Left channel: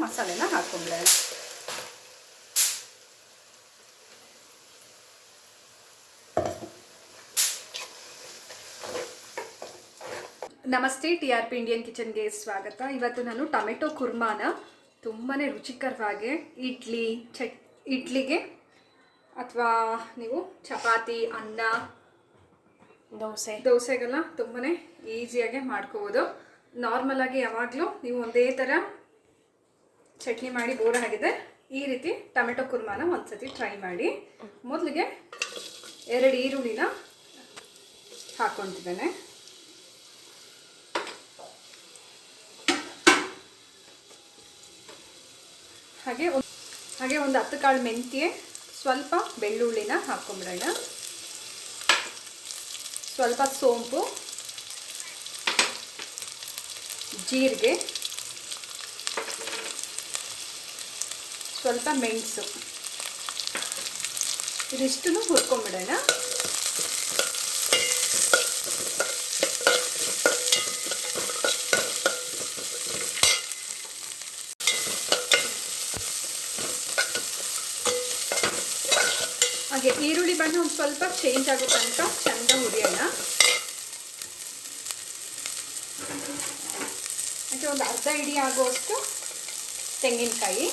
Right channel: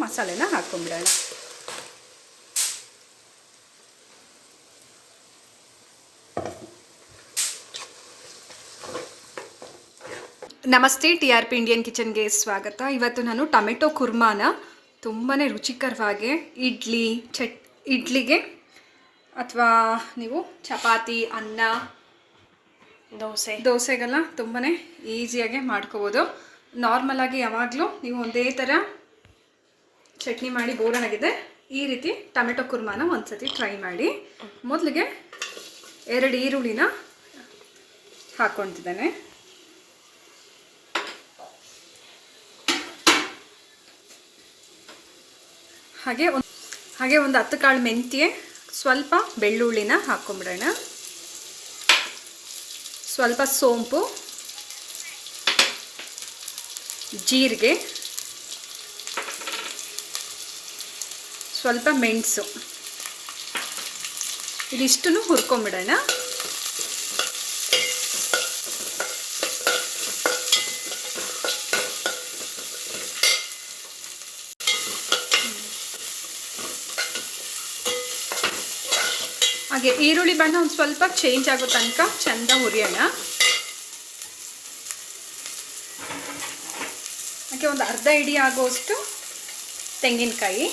ಮಸಾಲೆನ ಹಾಕ್ಕೊಂಬಿಡೋಣ ನಮಸ್ತೆ ಟಿ ಆರ್ ಪಿ ಇಂಡಿಯನ್ ಕಿಚನ್ಗೆ ಸ್ವಾಗತ. ಇವತ್ತು ನಾನು ಟೊಮೆಟೊ ಕುರ್ಮಾನ ತುಂಬಾ ರುಚಿಕರವಾಗಿ ಇಡ್ಲಿ ಚಟ್ ಇಡ್ಲಿಗೆ ಅಥವಾ ನೀವು ಚಪಾತಿ ಅನ್ನ ದೋಸೆ. ದೋಸೆಗೆಲ್ಲ ತುಂಬಾ ಈಸಿಯಾಗಿ ಮಾಡ್ಕೋಬೋದು. ನಾರ್ಮಲಾಗಿ ಯಾವಾಗಲೂ ನೀವು ಒಂದೇ ಥರ ಚಟ್ನಿ ಮಾಡಿ ಬೋರ್ ಆಗಿದೆ. ಈ ರೀತಿ ಟೊಮೆಟೊ ಕುರ್ಮಾನ ಒಂದ್ಸತಿ ಟ್ರೈ ಮಾಡಿ. ಮೊದಲಿಗೆ ಎರಡು ಈರುಳ್ಳಿನ ಹಾಕ್ಕೊತಿದ್ದೇನೆ ಹಾಗೆ ಒಂದು ಹಾಗೆ ಒಂದು ಹತ್ತು ಕಾಳು ಮೆಂತ್ಯೆ, ಸ್ವಲ್ಪ ಬೆಳ್ಳುಳ್ಳಿನ ಹಾಕ್ಕೊಂಬಿಡೋಣ. ಸ್ವಲ್ಪ ಸೋಂಪು, ಜೀರಿಗೆ ಸ್ವಲ್ಪ ಮೆಣಸು. ಇದಿಷ್ಟನ್ನು ಹುರ್ಕೊಂಬಿಡೋಣ. ಹಾಗೆ ಈರುಳ್ಳಿ ಬಣ್ಣ ಒಂದು ಸ್ವಲ್ಪ ಚೇಂಜ್ ಆಗೋ ತನಕ ಚೆಂದ ಹುರಿಯೋಣ. ಹಾಗೆ ಒಂದು ಅರ್ಧ ಇಡಿ ಆಗುವಷ್ಟು ತೆಂಗಿನಕಾಯಿ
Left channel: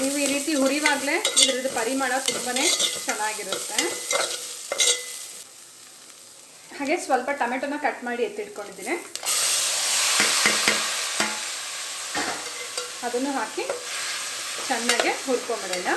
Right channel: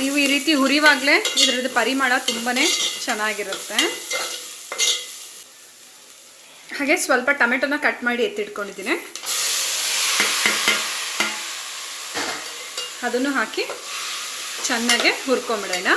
ನೀವು ಈ ರೀತಿ ಹುರಿವಾಗಲೇ ಇದ್ರದ್ದು ಪರಿಮಳ ತುಂಬಾ ಚೆನ್ನಾಗಿರುತ್ತೆ. ಹಾಗೆ ಸ್ವಲ್ಪ ಟೊಮೆಟೊನ ಕಟ್ ಮಾಡಿ ಎತ್ತಿಟ್ಕೊಂಡಿದ್ದೀನಿ. ಅದನ್ನು ಹಾಕಿ ಚೆನ್ನಾಗೆ ಹುರ್ಕೊಂಬಿಡೋಣ.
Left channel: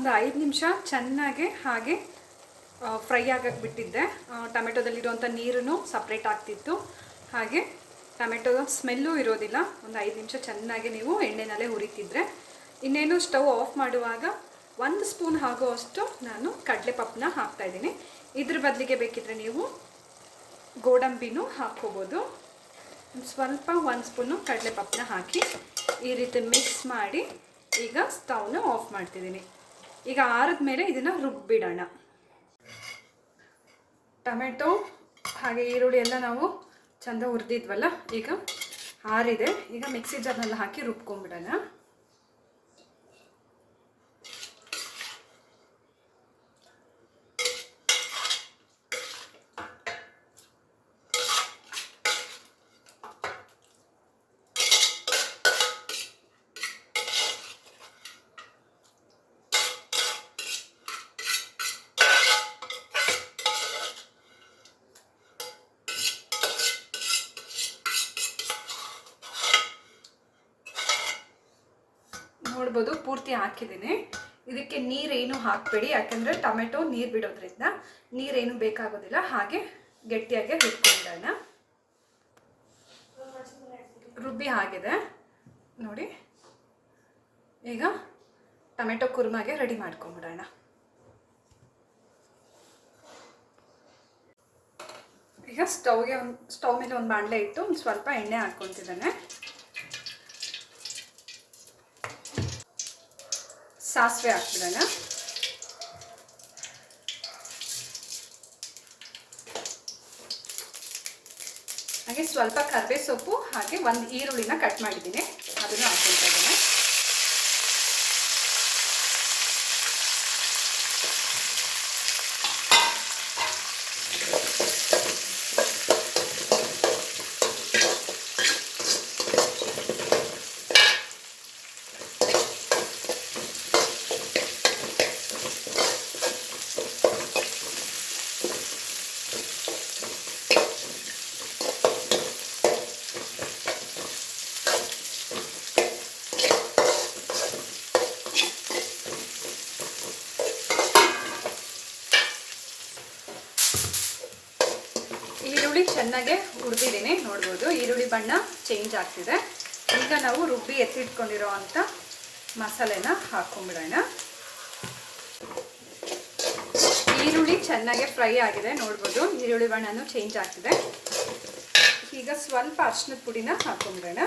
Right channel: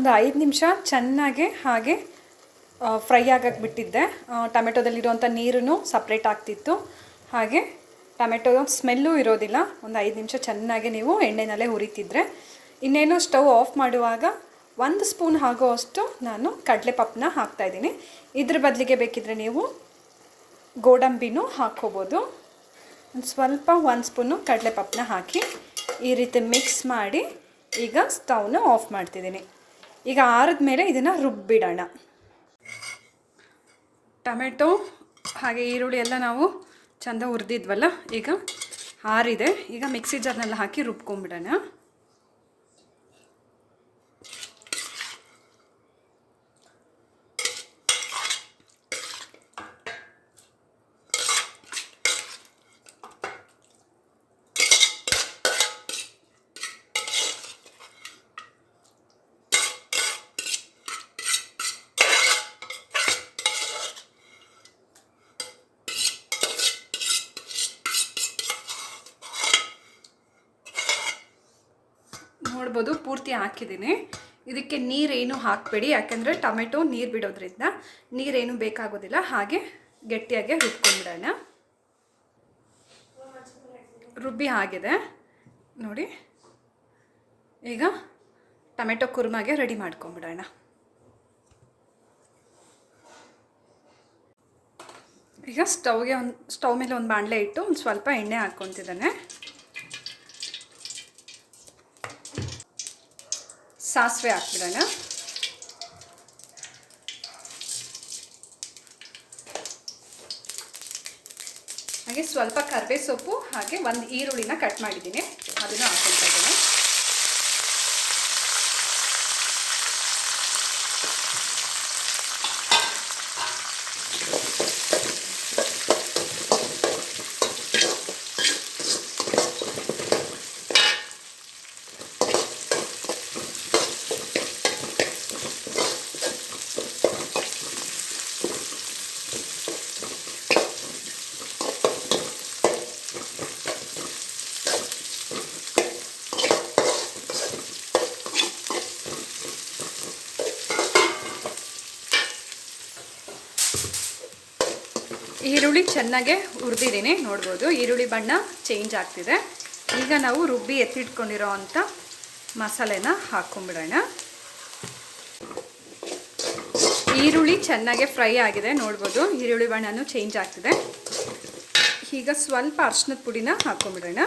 ಒಂದು ಐದು ನಿಮಿಷ ಚೆನ್ನಾಗಿ ಹಾಗೆ ಫ್ರೈ ಆಗಕ್ಕೆ ಬಿಟ್ಟಿದ್ದೆ ಟೊಮೆಟೊದಲ್ಲಿರುವಂಥ ನೀರು ಸಪ್ರೇಟ್ ಆಗ್ತಿತ್ತು. ಹಾಗೆ ಟೊಮೆಟೊ ಸ್ಮೆಲ್ಲೂ ಇರೋದಿಲ್ಲ. ಒಂದು ಐದು ನಿಮಿಷ ಚೆನ್ನಾಗಿ ನೀವು ಎಣ್ಣೆನಲ್ಲೇ ಹುರಿತಿದ್ರೆ. ಇನ್ನೇನು ಸ್ಟವ್ ಆಫ್ ಮಾಡುವಾಗ ಒಂದು ಸ್ಪೂನ್ ಅಷ್ಟು ನಾನು ಕಡಲೆಪಪ್ಪನ ಹಾಕ್ತಾಯಿದ್ದೀನಿ ಇದ್ರ ಬದಲಿಗೆ ಬೇಕಿದ್ರೆ ನೀವು ಗೋಡಂಬಿನೂ ಹಾಕ್ಕೋಬೋದು. ಸ್ವಲ್ಪ ಒಂದು ಸ್ಪೂನು ಕಡಲೆಪಪ್ಪನ ಹಾಕಿ ಈ ರೀತಿ ಮಿಕ್ಸ್ ಮಾಡಿ ಈಗ ಸ್ಟವ್ನ ಆಫ್ ಮಾಡ್ತಿದ್ದೀನಿ. ಈಗ ಆರಿದ ಮೇಲೆ ಇದನ್ನು ರುಬ್ಬಿಡೋಣ. ಟೊಮೆಟೊ ಹಾಗೆ ಈರುಳ್ಳಿ ಎಲ್ಲ ನಾವು ಚಂದ ಹುರಿದಿದ್ವಲ್ಲ, ಈಗ ಆರಿದೆ. ಈಗ ಮಿಕ್ಸಿ ಜಾರ್ನೆಲ್ಲ ಹಾಕಿ ರುಬ್ಕೊಂಬಿಡೋಣ ನೋಡ್ಬೋದು ಪೂರ್ತಿ ಹಾಕಿದ್ದೀನಿ. ಇದಕ್ಕೆ ನೀರೇನು ಹಾಕಬೇಡಿ, ಯಾಕೆಂದರೆ ಟೊಮೆಟೊ ನೀರು ಬಿಡೋದ್ರಿಂದ ನೀರೇನು ಬೇಕಾಗೋದಿಲ್ಲ. ಹಾಗೆ ಗಟ್ಟಿಯಾಗಿ ರುಬ್ಕೊಂಡ್ಬಿಡೋಣ ರುಬ್ಬಿ ಆಗಿದೆ. ನೋಡಿ, ಈಗ ಟೊಮೆಟೊ ಕುರ್ಮಾಗೆ ರೆಡಿ ಮಾಡ್ಕೊಂಬಿಡೋಣ. ಈಗ ಸ್ಟವ್ಗೆ ಒಂದು, ಸ್ಟವ್ ಮೇಲೆ ಒಂದು ಬಾಣಲೆ ಇಟ್ಟು ಒಂದು ಸ್ವಲ್ಪ ಎಣ್ಣೆ ಹಾಕ್ಕೊತಿದ್ದಾನೆ. ಸಾಸಿವೆ ಹಾಕ್ಬಿಡೋಣ. ಹಾಗೆ ಸ್ವಲ್ಪ ಕರ್ಬೇ ಸೊಪ್ಪು ಹಾಗೆ ಒಂದು ಈರುಳ್ಳಿನ ಕಟ್ ಮಾಡಿದ್ದೀನಿ. ಅದನ್ನು ಹಾಕ್ಕೊಳ್ತಾ ಇದ್ದೇನೆ. ಈರುಳ್ಳಿ ಚೆನ್ನಾಗೆ ಹುರಿದಿದ್ದೀನಿ ನೋಡ್ಬೋದು. ಈರುಳ್ಳಿ ಬಣ್ಣ ಚೇಂಜ್ ಆಗ್ತಿದೆ. ಈಗ ನಾವು ರುಬ್ಬಿ ಎತ್ತಿಟ್ಕೊಂಡಿರೋ ಅಂಥ ಮಸಾಲೆನ ಹಾಕೊಂಡ್ಬಿಡೋಣ ಈರುಳ್ಳಿ ಚೆನ್ನಾಗೆ ಫ್ರೈ ಆಗಿದೆ, ನೋಡ್ಬೋದು. ಈರುಳ್ಳಿ ಬಣ್ಣನೂ ಚೇಂಜ್ ಆಗ್ತಿದೆ. ಈಗ ಸ್ವಲ್ಪ ಅರ್ಶಿನದ ಪುಡಿನ ಹಾಕೊಂಡ್ಬಿಡೋಣ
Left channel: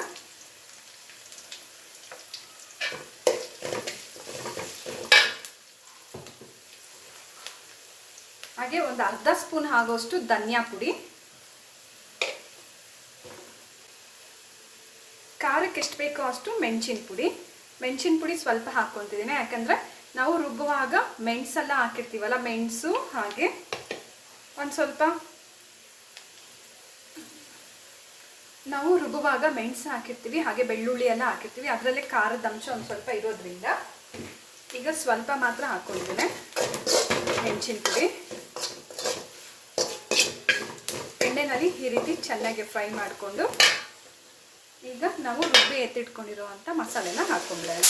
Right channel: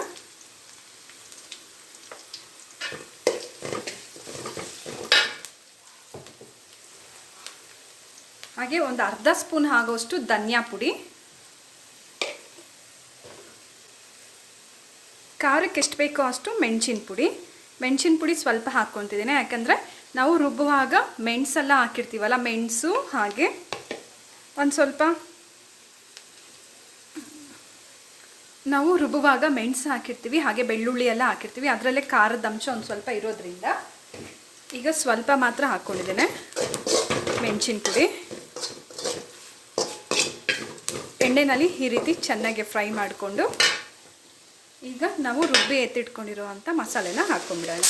ಹಾಗೆ ಒಂದು ಅರ್ಧ ಸ್ಪೂನ್ ಆಗೋಷ್ಟು ಧನಿಯಾ ಪುಡಿ. ಖಾರಕ್ಕೆ ಎಷ್ಟು ಬೇಕೋ ಅಷ್ಟು ಮೆಣಸಿನ ಪುಡಿ. ಮೆಣಸಿನ ಪುಡಿ ಸ್ವಲ್ಪ ಹಾಕ್ಕೊತಿದ್ದೀನಿ, ಯಾಕಂದರೆ ನಾವು ರುಬ್ಬುವಾಗ ಮೆಣಸೆಲ್ಲ ಹಾಕಿರ್ತೀವಲ್ಲ, ಮೆಣಸು ಹಾಗೆ. ಒಂದು ಸ್ವಲ್ಪ ನಾವು ರುಬ್ಬುವಾಗ ಮೆಣಸು ಹಾಕಿರ್ತೀವಿ, ಹಾಗೆ ಬೆಳ್ಳುಳ್ಳಿ ಎಲ್ಲ ಹಾಕಿರ್ತೀವಿ, ಅದರಲ್ಲೇ ಖಾರದ ಅಂಶ ಒಂದು ಸ್ವಲ್ಪ ಇರೋದ್ರಿಂದ. ಈಗ ಸ್ವಲ್ಪ ಮಾತ್ರ ಹಾಕ್ಕೊಂಡಿದ್ದೇನೆ ಮೆಣಸಿನ ಪುಡಿ. ಎಣ್ಣೆನಲ್ಲಿ ಈ ರೀತಿ ಚೆನ್ನಾಗಿ ಫ್ರೈ ಮಾಡಿಕೊಂಡು ಈಗ ನಾವು ರುಬ್ಬಿ ಎತ್ತಿಟ್ಕೊಂಡಿರುವಂಥ ಮಸಾಲೆನ ಹಾಕೊಂಡ್ಬಿಡೋಣ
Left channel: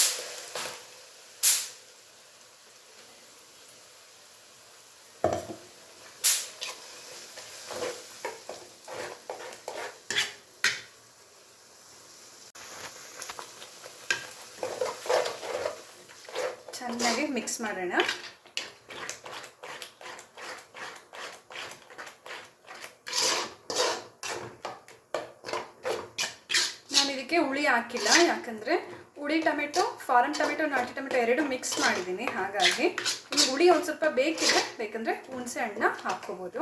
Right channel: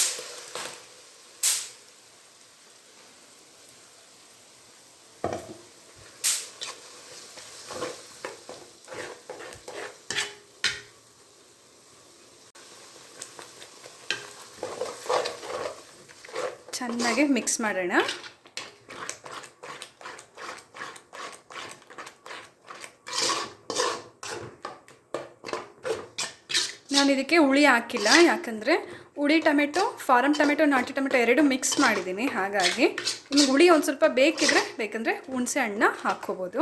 ಚೆನ್ನಾಗಿ ಮಿಕ್ಸ್ ಮಾಡೋಣ ನಾನು ಇದಕ್ಕೆ ಹುಳಿ ಹಾಕಿಲ್ಲ. ಯಾಕಂದರೆ ಹುಳಿ ಟೊಮೆಟೊ ಫಾರಮ್ ಟೊಮೆಟೊ, ನಾಟಿ ಟೊಮೆಟೊ ಎರಡು ಮಿಕ್ಸ್ ಮಾಡಿದ್ದೀನಿ. ಹಾಗಾಗಿ ನಿಮ್ಗೆ ಹುಳಿ ಒಂದು ಸ್ವಲ್ಪ ಬೇಕಿದ್ರೆ, ಬೇಕಂದರೆ ಹುಣಸೆ ಹಣ್ಣನ್ನ ಹಾಕ್ಕೋಬೋದು.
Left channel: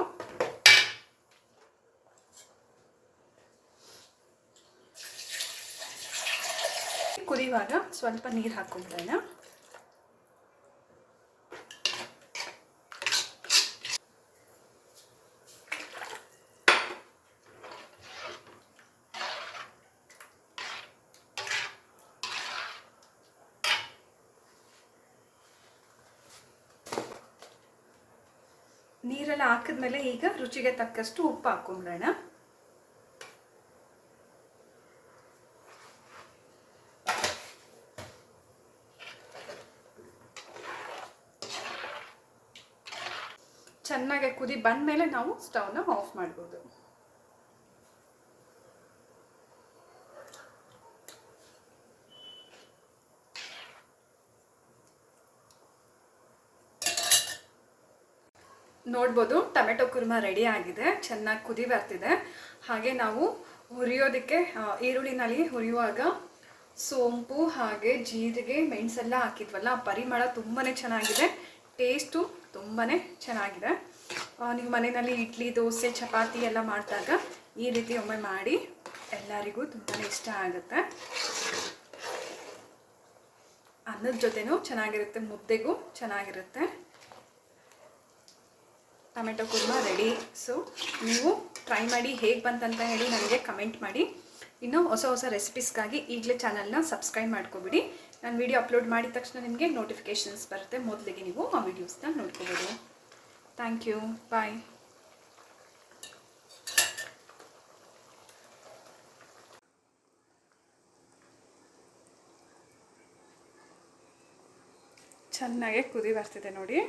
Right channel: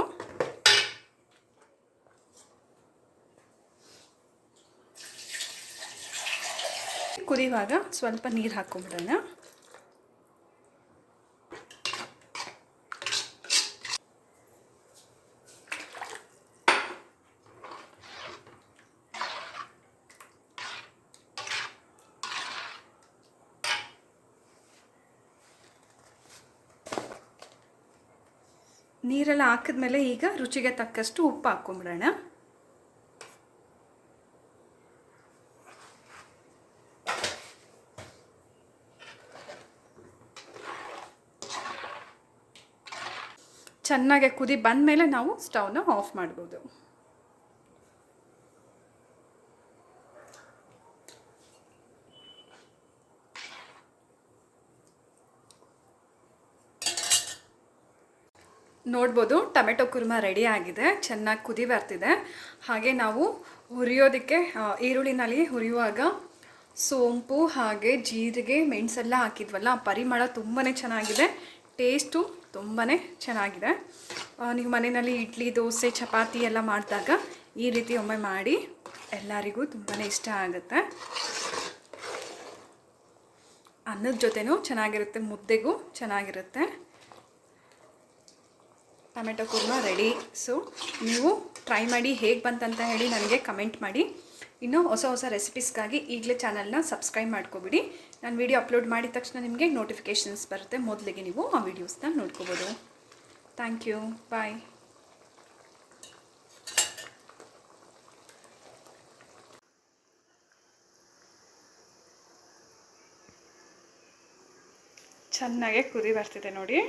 ಕುದಿಯುವಾಗ ಸ್ವಲ್ಪ ನೀರು ಹಾಕ್ಕೊಂಬಿಡೋಣ. ನೀರೆಲ್ಲ ಹಾಕಿದ್ಮೇಲೆ ಈಗ ರುಚಿಗೆ ತಕ್ಕಷ್ಟು ಉಪ್ಪು ಹಾಕೊಂಬಿಡೋಣ. ಚೆನ್ನಾಗಿ ಕುದಿ ಬಂದಮೇಲೆ ನಾವು ಸ್ಟವ್ನ ಆಫ್ ಮಾಡ್ಬೋದು. ನೋಡ್ಬೋದು. ಟೊಮೆಟೊ ಕುರ್ಮ ರೆಡಿ ಆಗಿದೆ. ಚೆನ್ನಾಗಿ ಕುದಿ ಬರ್ತಿದೆ. ಹಾಗೆ ನಾವು ಹುರಿಯೋದಕ್ಕೆ ಈರುಳ್ಳಿನಲ್ಲಿ ಹುರಿಯುವಾಗ ಸೋಂಪು ಹಾಗೆ ಜೀರಿಗೆ, ಮೆಣಸೆಲ್ಲ ಹಾಕಿದ್ವಲ್ಲ ಪರಿಮಳ ತುಂಬಾ ಚೆನ್ನಾಗಿದೆ. ಟೇಸ್ಟು ತುಂಬಾ ಚೆನ್ನಾಗಿದೆ. ನೀವು ಮನೆಯಲ್ಲಿ ಇಡ್ಲಿ, ದೋಸೆ, ಚಪಾತಿ ಎಲ್ಲ ಮಾಡಿದಾಗ ಈ ರೀತಿ ಒಮ್ಮೆ ಮಾಡಿ ಎಲ್ಲರಿಗೂ ತುಂಬಾ ಇಷ್ಟ ಆಗುತ್ತೆ. ಅನ್ನದ ಜೊತೆನೂ ಚೆನ್ನಾಗಿರುತ್ತೆ, ಮುದ್ದೆಗೂ ಚೆನ್ನಾಗಿರುತ್ತೆ. ಟೊಮೆಟೊ ಕುರ್ಮ ರೆಡಿ ಸೊ ನೀವು ಟ್ರೈ ಮಾಡಿ ಹೇಗೆ ಬಂತಂತ ಹೇಳಿ ನನಗೆ ಕಮೆಂಟ್ ಮಾಡಿ. ಇನ್ನು ಹೊಸ ಹೊಸ ರೆಸಿಪೀಸ್ಗಾಗಿ ಈಗಲೇ ಚಾನಲ್ನ ಸಬ್ಸ್ಕ್ರೈಬ್ ಮಾಡ್ಕೊಬಿಡಿ. ನಾನು ವಿಡಿಯೋ ಅಪ್ಲೋಡ್ ಮಾಡಿದ ತಕ್ಷಣ ನಿಮಗೆ ನೋಟಿಫಿಕೇಷನ್ಸ್ ಬರುತ್ತೆ. ಮೊದಲಿಗೆ ನೀವು ಆ ವಿಡಿಯೋಸ್ನ ನೋಡ್ಕೋಬೋದು. ಥ್ಯಾಂಕ್ ಯು ಬಾಯ್ ಚೆನ್ನಾಗೆ ಕುದಿ ಬರ್ತಿದೆ ನೋಡಿ.